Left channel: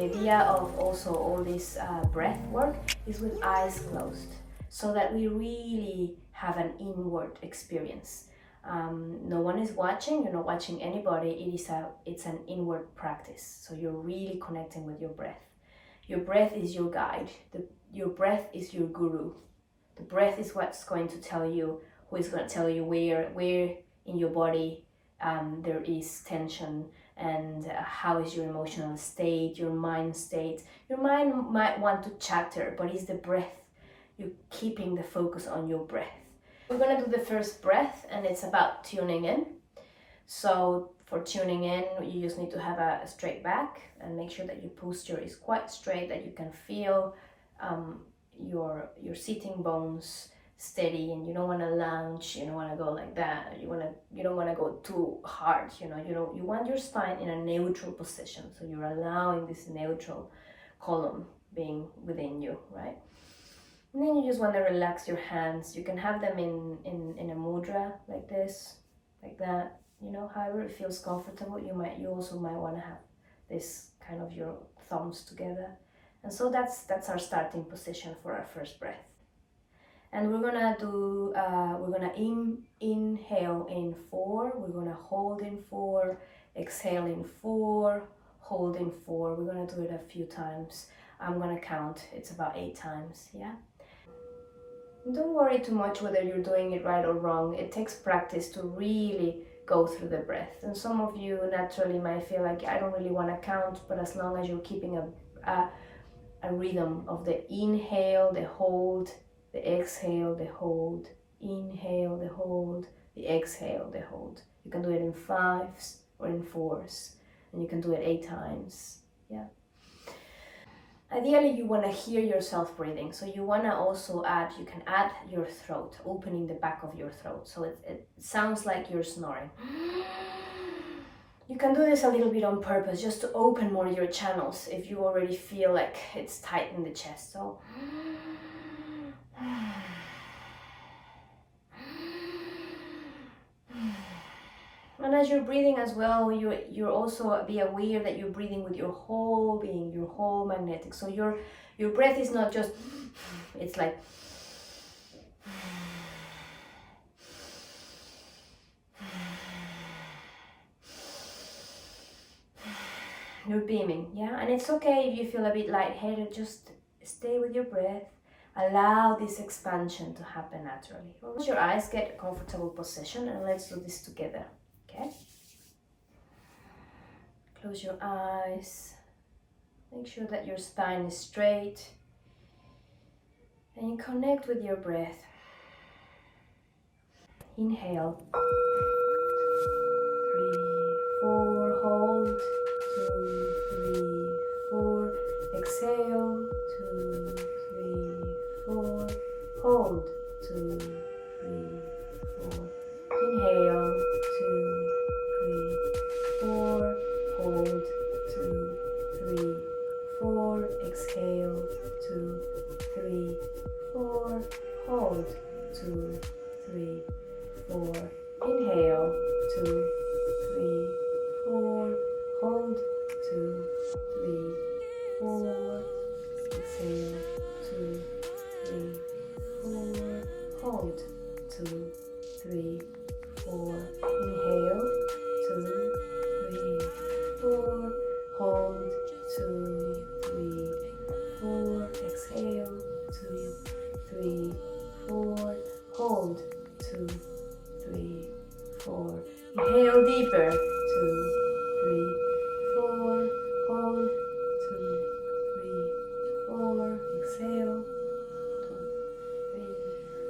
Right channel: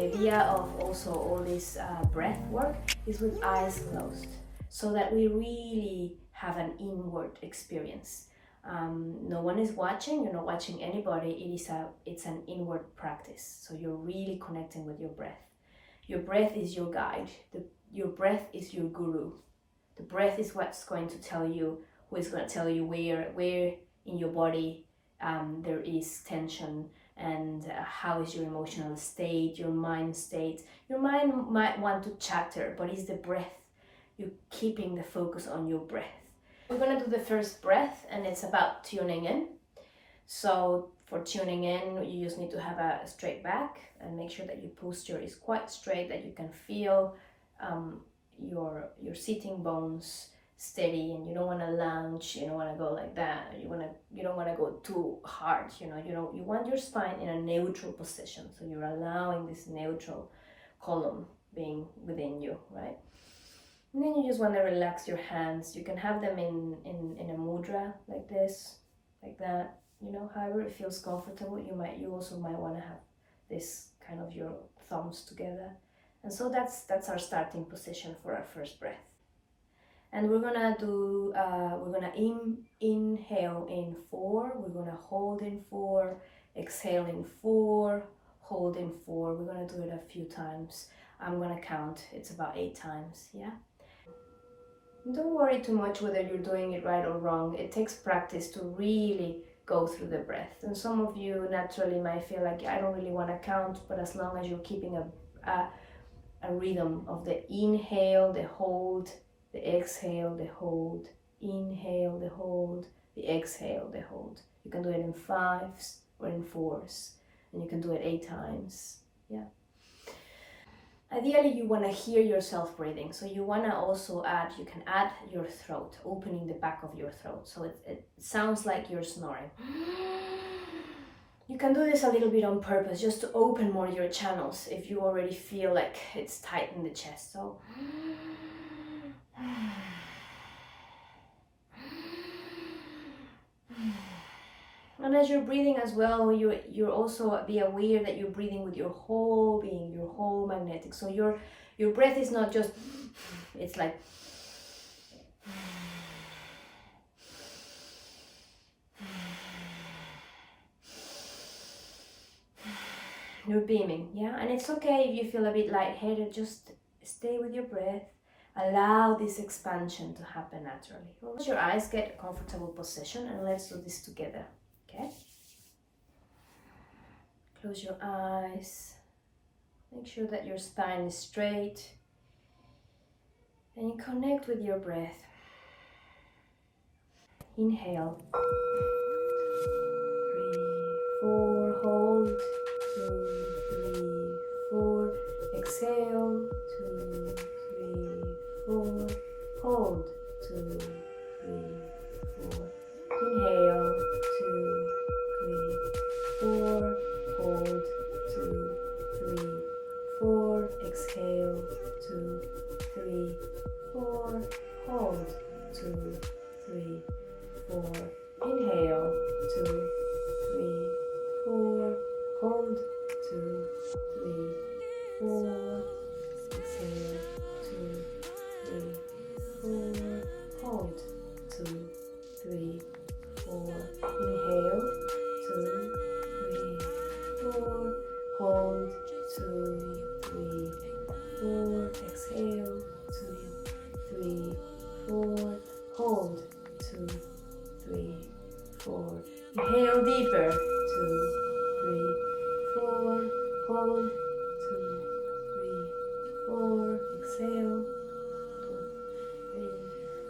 the idea of also all this breath work is with eyes closed, so that we really have an inward experience. No one is watching, you're not watching anybody. It's an inward practice. So you're really connecting with your breath. Your breath is your guide. Your breath is your guru. The breath is what's going to tell you, who is going to tell you where in your body there is tension, and how is your emotional state, your mind state. Your mind might want to chatter, but it's the breath. You're keeping the focus on your breath. We're going to do the first breath, and it's about tuning in. So for tuning in, you just need to have a straight back and make sure that your posture is quite straight, that you can feel your sitting bones steady, and you don't want to lounge, you don't want to go like that, you don't want to go too hard, you want your spine in a neutral position, so you're allowing this neutral column being within you, right? And then you just want to relax your hands. You can have them in a mudra like this, like that, however it feels comfortable. You also might want to have this kind of your thumbs together. And so that's our starting position for our first breath. And we're gonna do, inhale in 4, we're gonna hold in 4, exhale in 4, hold in 4. We're gonna do it a few times. I'm gonna count, it's about 8 times, yeah? Don't worry too much whether you're doing it right or wrong. It takes practice to really go through the breath. And some of you naturally might feel like, I don't really want to count, but as long as you're keeping a rhythm of the inhale, the hold, the exhale, the hold, inhale, the hold, the exhale, the hold. You can do it in 5s or in 4s, and you can do it 8 times, yeah? Ideally, you want to hear yourself breathing, so you want to also you can add your throat, opening the back of your throat, so it sounds like you're snoring. You can do this a little bit on purpose, just to open more your channels if you already feel like it's tight in the chest. So and as you're breathing as well, you're also be aware that you're breathing with your whole being, your whole magnetic. So your breath is not just, it's like you're beaming, yeah? And it's okay if you feel a bit lightheaded, just stay with your breath. Allow this expansion to happen naturally. Close your eyes, get a comfortable position, and let's do this together. Okay? Close your eyes. Make sure that your spine is straight. And you connect with your breath. Inhale. 3, 4, hold. 2, 3, 4. Exhale. 2, 3, 4. Hold. 2, 3, 4. Inhale. 2, 3, 4. Hold. 2, 3, 4. Exhale. 2, 3, 4. Hold. 2, 3, 4. Inhale. 2, 3, 4. Hold. 2, 3, 4. Exhale. 2, 3, 4. Hold. 2, 3, 4. Inhale. 2, 3, 4. Hold. 2, 3, 4. Exhale. 2, 3, 4. Hold. 2, 3, 4. Inhale deeper. 2, 3, 4. Hold. 2, 3, 4. Exhale. 2, 3,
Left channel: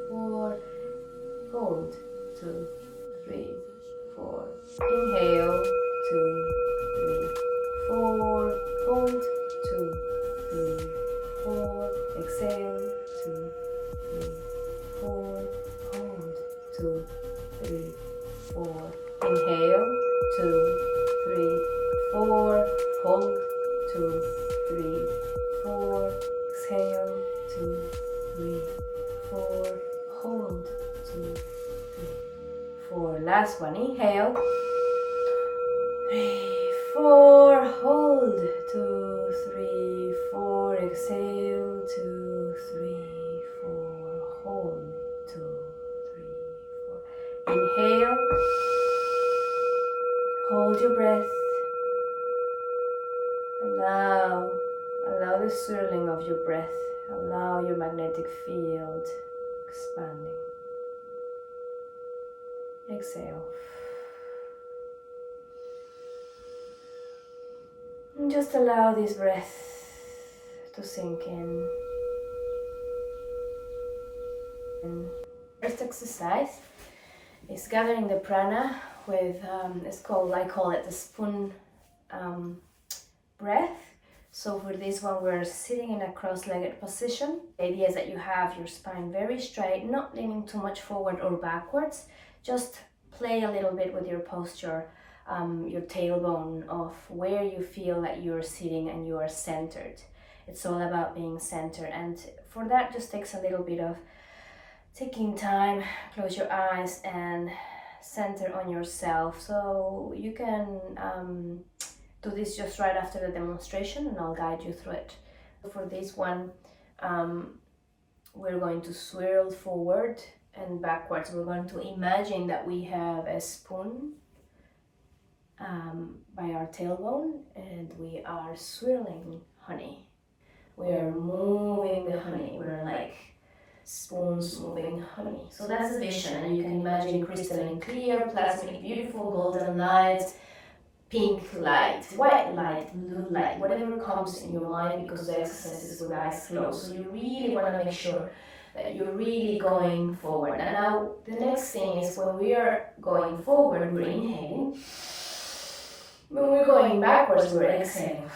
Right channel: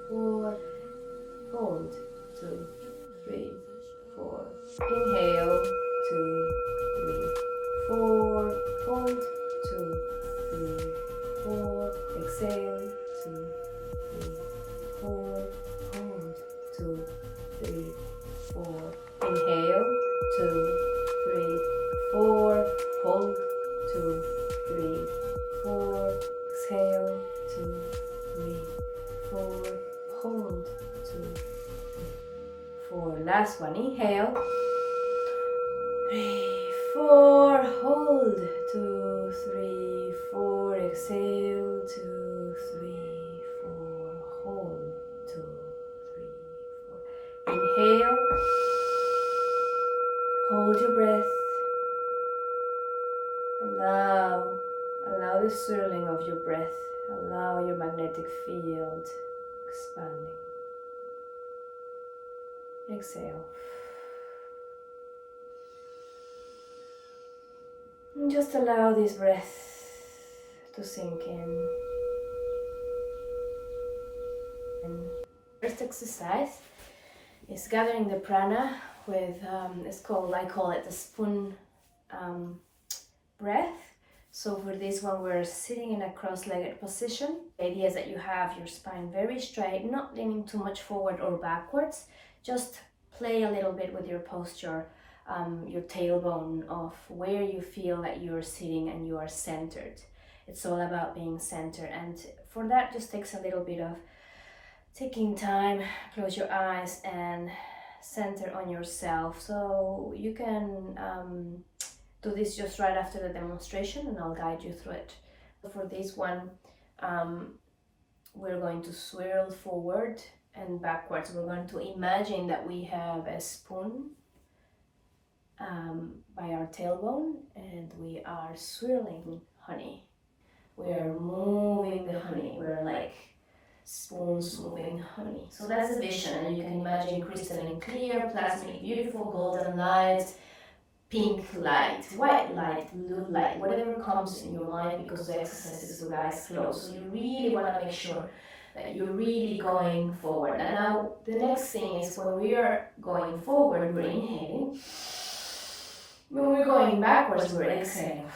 4. Hold. 2, 3, 4. Inhale. 2, 3, 4. Hold. 2, 3, 4. Exhale. 2, 3, 4. Hold. 2, 3, 4. Inhale. 2, 3, 4. Hold. 2, 3, 4. Exhale. 2, 3, 4. Hold. 2, 3, 4. Last one. Inhale. 3, 4. Hold. 2, 3, Allow the swirling of your breath. Allow your magnetic field expanding. Exhale. And just allow this breath to sink in. And first exercise is gathering the prana with, I call it the spoon breath. So for this one, we're sitting in a cross-legged position. The idea is that you have your spine very straight, not leaning too much forward or backwards. Just play a little bit with your posture, your tailbone of where you feel that you're sitting and you are centered. It's all about being centered, and for that just takes a little bit of taking time. Close your eyes and center on yourself. So you can do this just right after the demonstration and I'll guide you through it. For this one, we're going to swirl forward and backwards. We're going to imagine that we have a spoon by our tailbone and we are swirling honey. We're moving the honey. We're like spoons moving honey. So that's the vision, and you can imagine crystalline clear, plasmic, beautiful, golden light, pink light, white light, blue light, whatever comes in your mind, because the exercise is with eyes closed. So you really want to make sure that you're really going forward. And now the next thing is when we are going forward, we're inhaling. When we're going backwards, we're exhaling.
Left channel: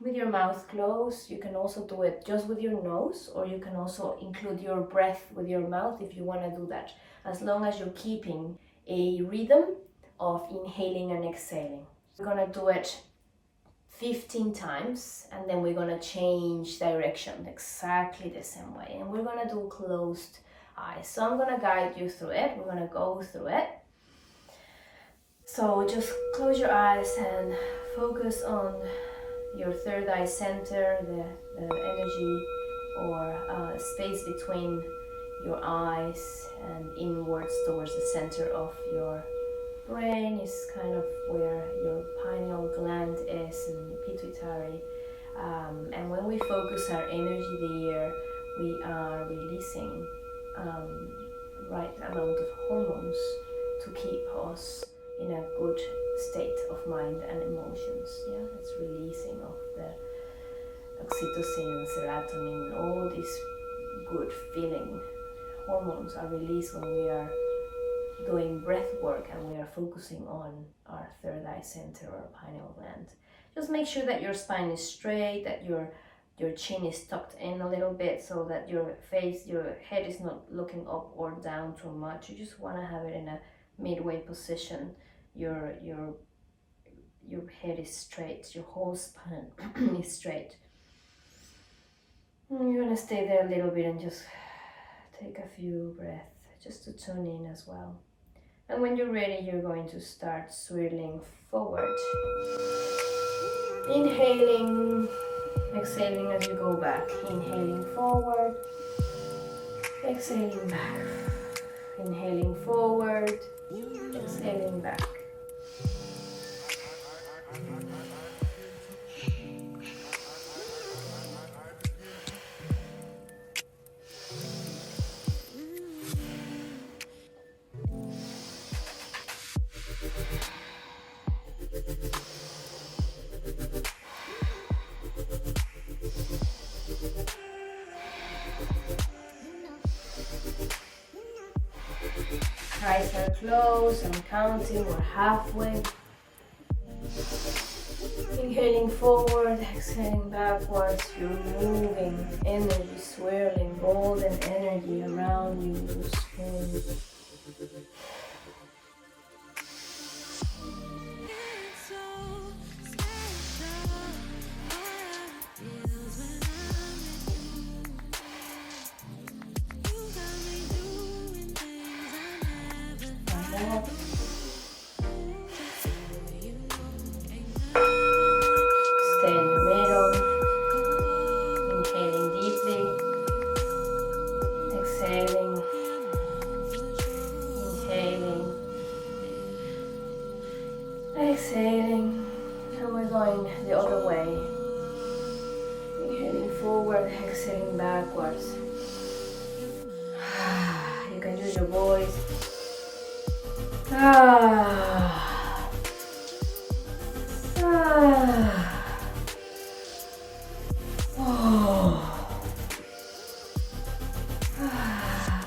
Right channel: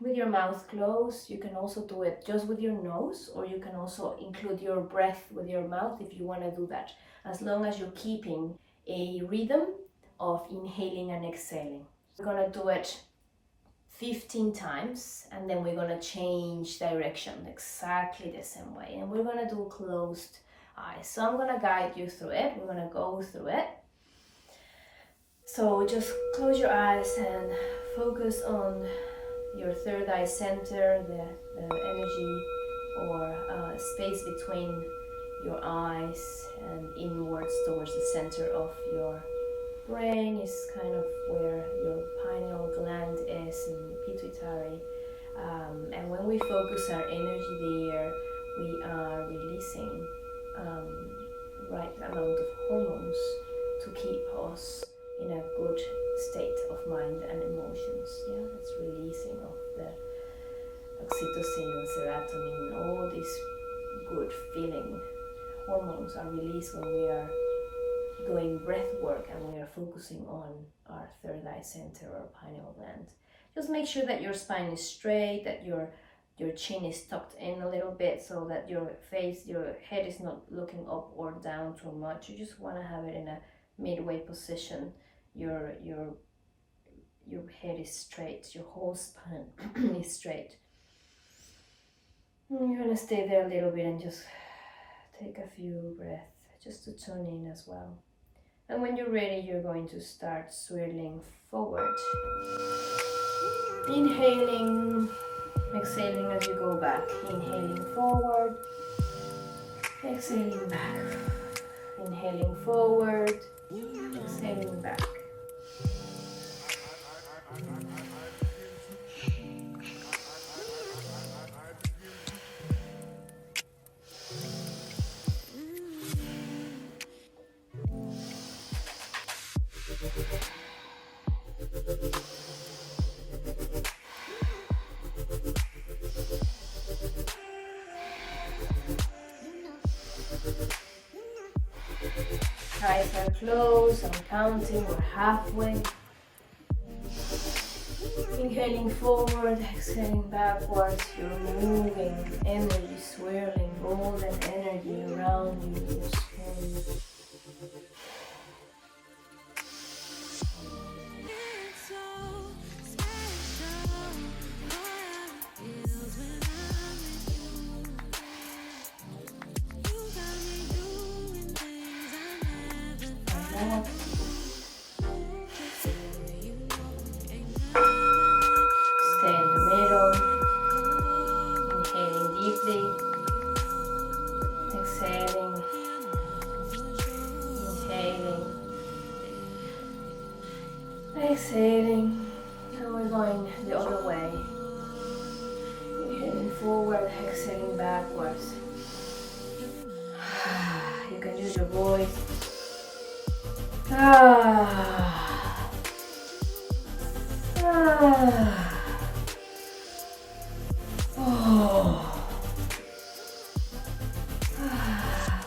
With your mouth closed, you can also do it just with your nose, or you can also include your breath with your mouth if you want to do that, as long as you're keeping a rhythm of inhaling and exhaling. We're going to do it 15 times, and then we're going to change direction exactly the same way, and we're going to do closed eyes. So I'm going to guide you through it. We're going to go through it. So just close your eyes and focus on your third eye center, the energy or space between your eyes and inwards towards the center of your brain is kind of where your pineal gland is and pituitary. And when we focus our energy there, we are releasing right amount of hormones to keep us in a good state of mind and emotions. Yeah, that's releasing of the oxytocin, serotonin, all these good feeling hormones are released when we are doing breath work and we are focusing on our third eye center or pineal gland. Just make sure that your spine is straight, that your chin is tucked in a little bit so that your head is not looking up or down too much. You just want to have it in a midway position. Your head is straight, your whole spine is straight. You're gonna stay there a little bit and just take a few breaths just to tune in as well. And when you're ready, you're going to start swirling forward. Inhaling, exhaling as you go back. Inhaling forward, exhaling back. Inhaling forward, exhaling back. Eyes are closed, I'm counting, we're halfway. Inhaling forward, exhaling backwards, you're moving, energy swirling, golden energy around you, your skin. Stay in the middle, inhaling deeply, exhaling, Exhaling. And we're going the other way. Inhaling forward, exhaling backwards. You can use your voice.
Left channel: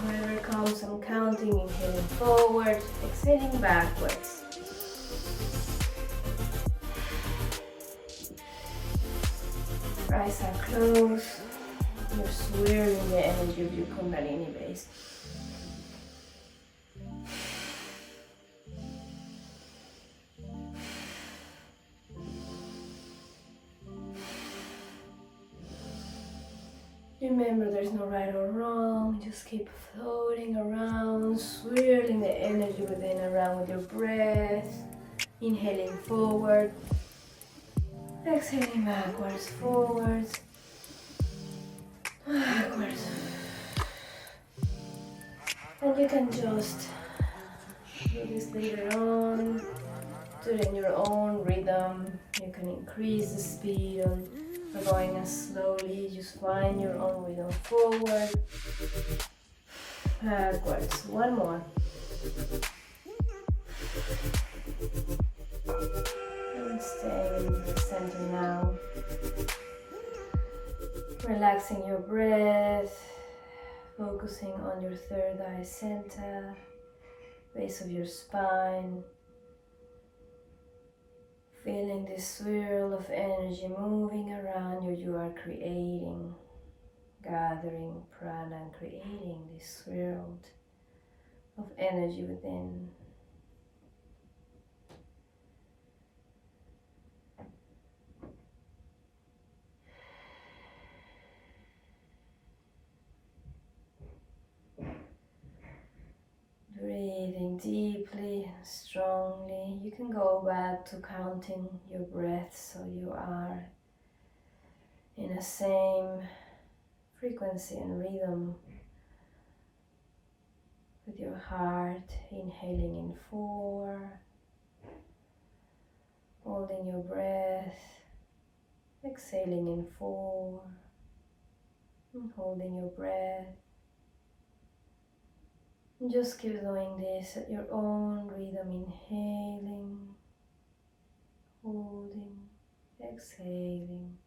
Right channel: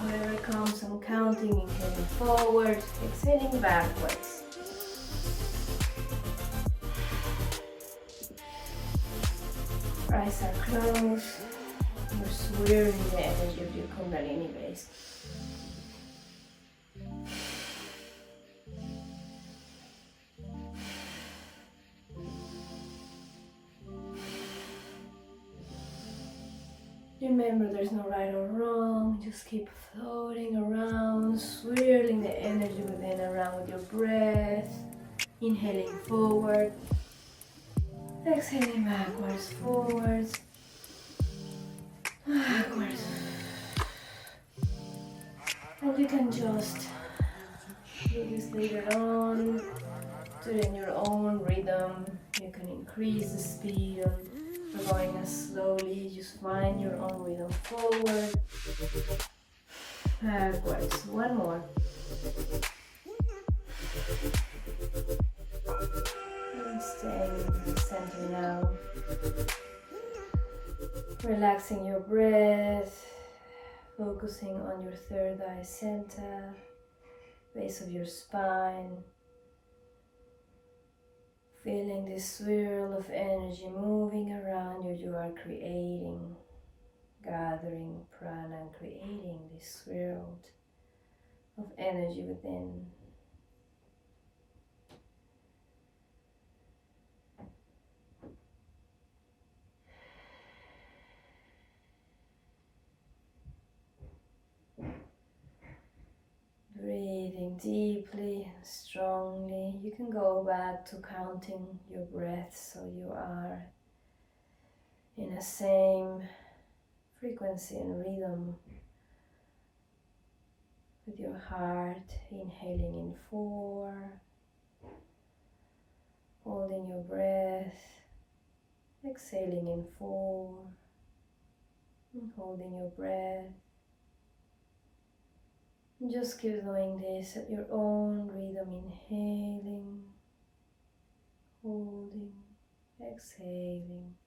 Whatever comes, I'm counting, inhaling forward, exhaling backwards. Eyes are closed. You're swirling the energy of your Kundalini base. Remember, there's no right or wrong. Just keep floating around, swirling the energy within around with your breath. Inhaling forward, exhaling backwards, forwards, backwards. And you can just do this later on, do it in your own rhythm. You can increase the speed of going as slowly. Just find your own rhythm. Forward, backwards. One more. And staying in the center now. Relaxing your breath. Focusing on your third eye center, base of your spine. Feeling this swirl of energy moving around you. You are creating, gathering prana and creating this swirl of energy within. Breathing deeply and strongly. You can go back to counting your breath so you are in the same frequency and rhythm with your heart. Inhaling in 4, holding your breath, exhaling in 4, and holding your breath. Just keep doing this at your own rhythm, inhaling, holding, exhaling,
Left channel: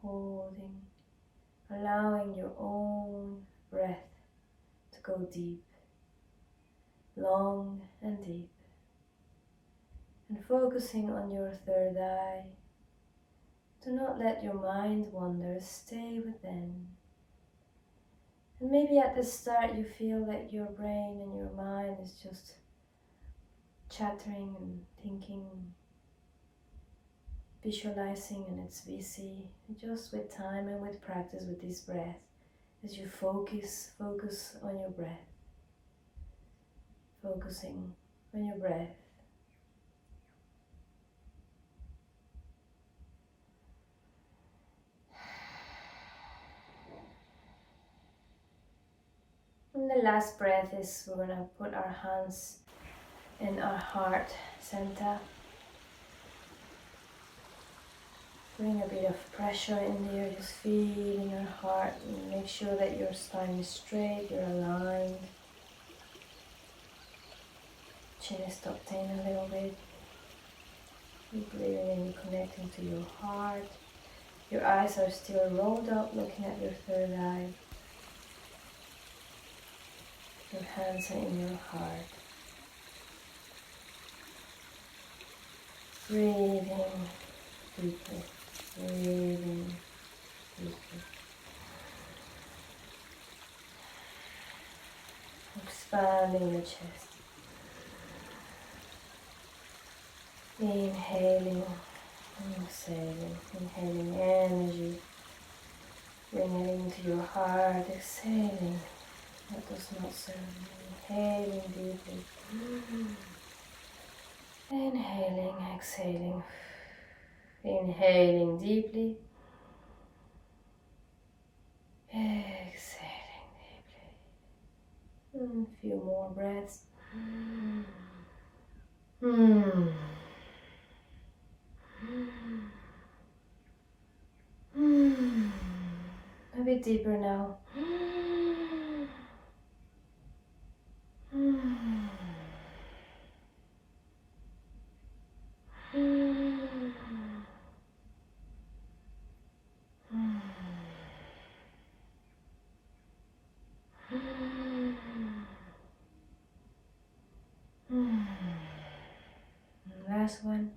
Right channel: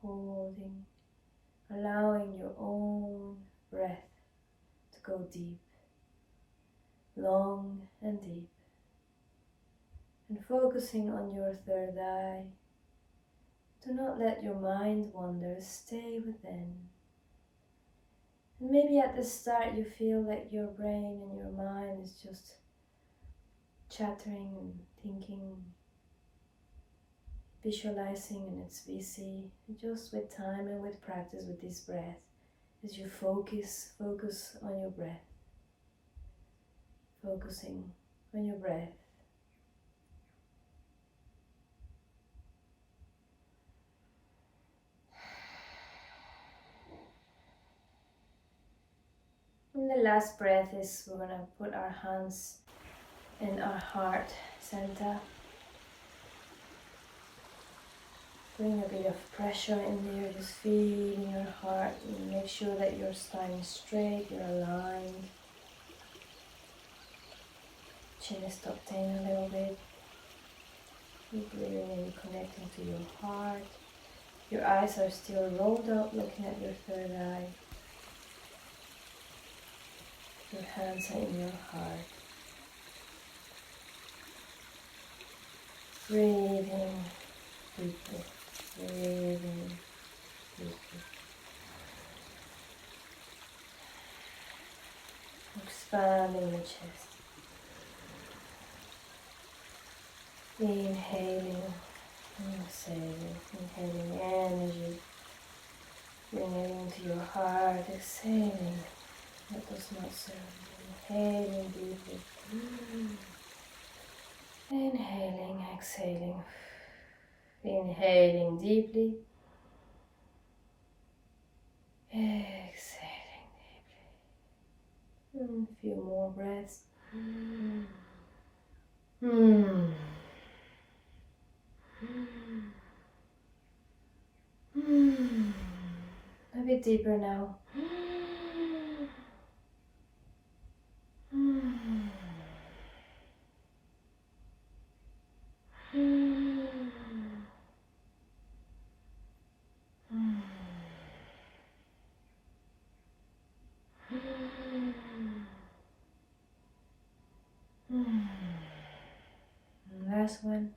holding, allowing your own breath to go deep, long and deep, and focusing on your third eye. Do not let your mind wander, stay within. And maybe at the start you feel like your brain and your mind is just chattering and thinking, visualizing, and it's busy. Just with time and with practice with this breath, as you focus on your breath, focusing on your breath. And the last breath is we're going to put our hands in our heart center. Bring a bit of pressure in there, just feeling your heart. And make sure that your spine is straight, you're aligned. Chin is tucked in a little bit. Deeply really connecting to your heart. Your eyes are still rolled up, looking at your third eye. Your hands are in your heart. Breathing deeply. Breathing deeply. Expanding the chest. Inhaling, exhaling, inhaling energy. Bringing it into your heart, exhaling. That does not serve you. Inhaling deeply. Inhaling, exhaling. Inhaling deeply. Exhaling deeply. A few more breaths. deeper now. Last one.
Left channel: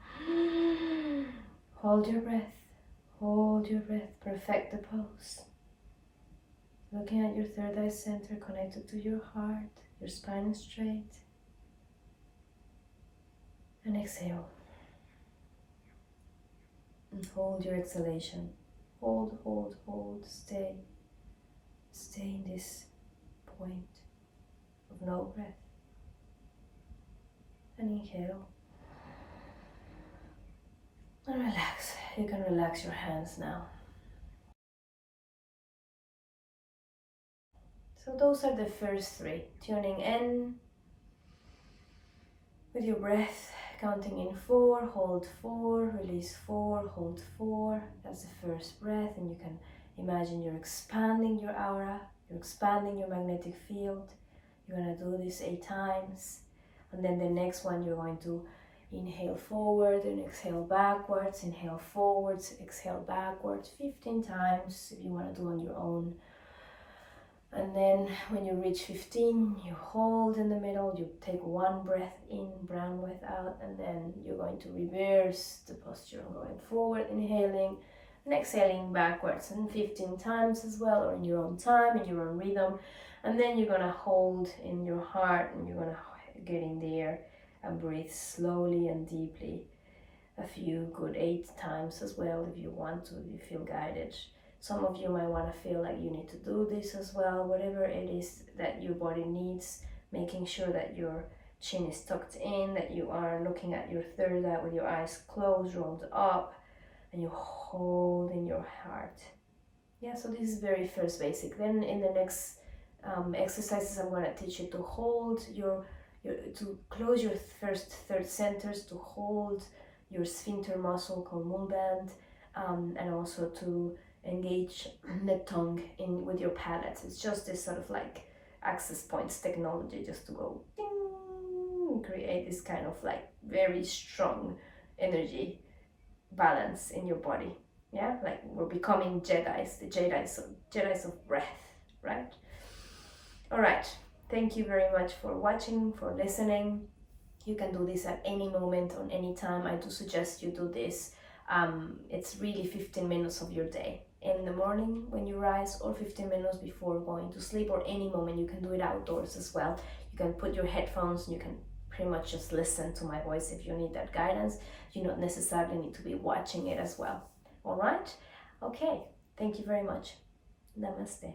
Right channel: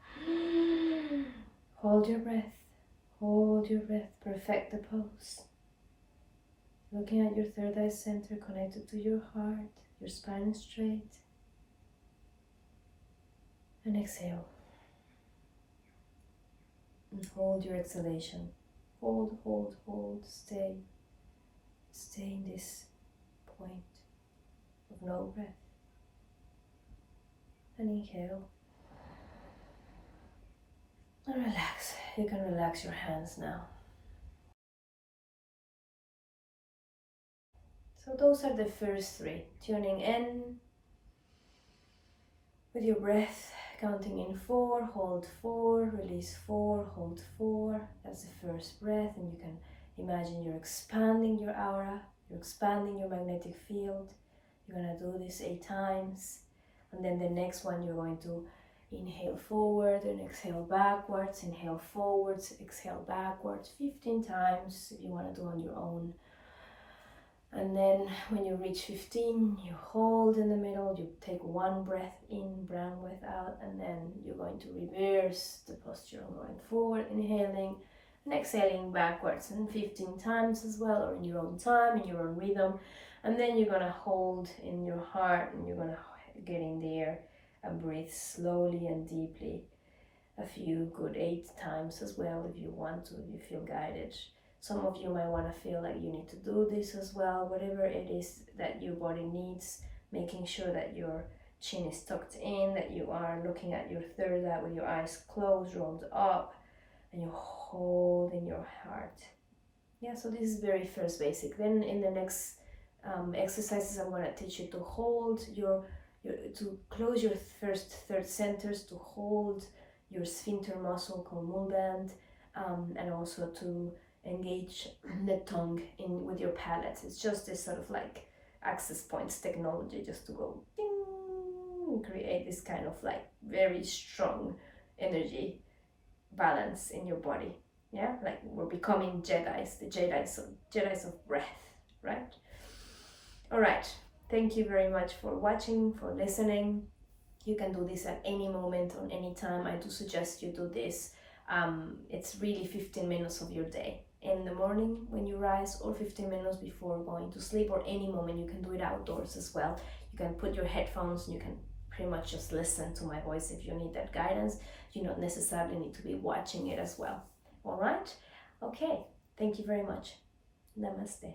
Hold your breath. Hold your breath. Perfect the pose. Looking at your third eye center, connected to your heart. Your spine is straight. And exhale. And hold your exhalation. Hold, hold, hold. Stay. Stay in this point of no breath. And inhale. And relax. You can relax your hands now. So those are the first three. Tuning in with your breath, counting in 4, hold 4, release 4, hold 4. That's the first breath, and you can imagine you're expanding your aura, you're expanding your magnetic field. You're gonna do this 8 times, and then the next one you're going to inhale forward and exhale backwards, inhale forwards, exhale backwards 15 times if you want to do on your own. And then when you reach 15, you hold in the middle, you take 1 breath in, brown breath out, and then you're going to reverse the posture, going forward, inhaling and exhaling backwards, and 15 times as well, or in your own time, in your own rhythm. And then you're gonna hold in your heart, and you're gonna get in there and breathe slowly and deeply. A few good 8 times as well if you want to, if you feel guided. Some of you might want to feel like you need to do this as well, whatever it is that your body needs, making sure that your chin is tucked in, that you are looking at your third eye with your eyes closed, rolled up, and you hold in your heart. Yeah, so this is very first basic. Then in the next exercises, I'm going to teach you to hold to close your first third centers, to hold your sphincter muscle called mole band, and also to engage the tongue in with your palate. It's just this sort of like access points technology, just to go ding, create this kind of like very strong energy balance in your body. Yeah, like we're becoming Jedis, the Jedis of breath, right? All right. Thank you very much for watching, for listening. You can do this at any moment, on any time. I do suggest you do this. It's really 15 minutes of your day. In the morning when you rise, or 15 minutes before going to sleep, or any moment. You can do it outdoors as well. You can put your headphones and you can pretty much just listen to my voice if you need that guidance. You don't necessarily need to be watching it as well. All right? Okay. Thank you very much. Namaste.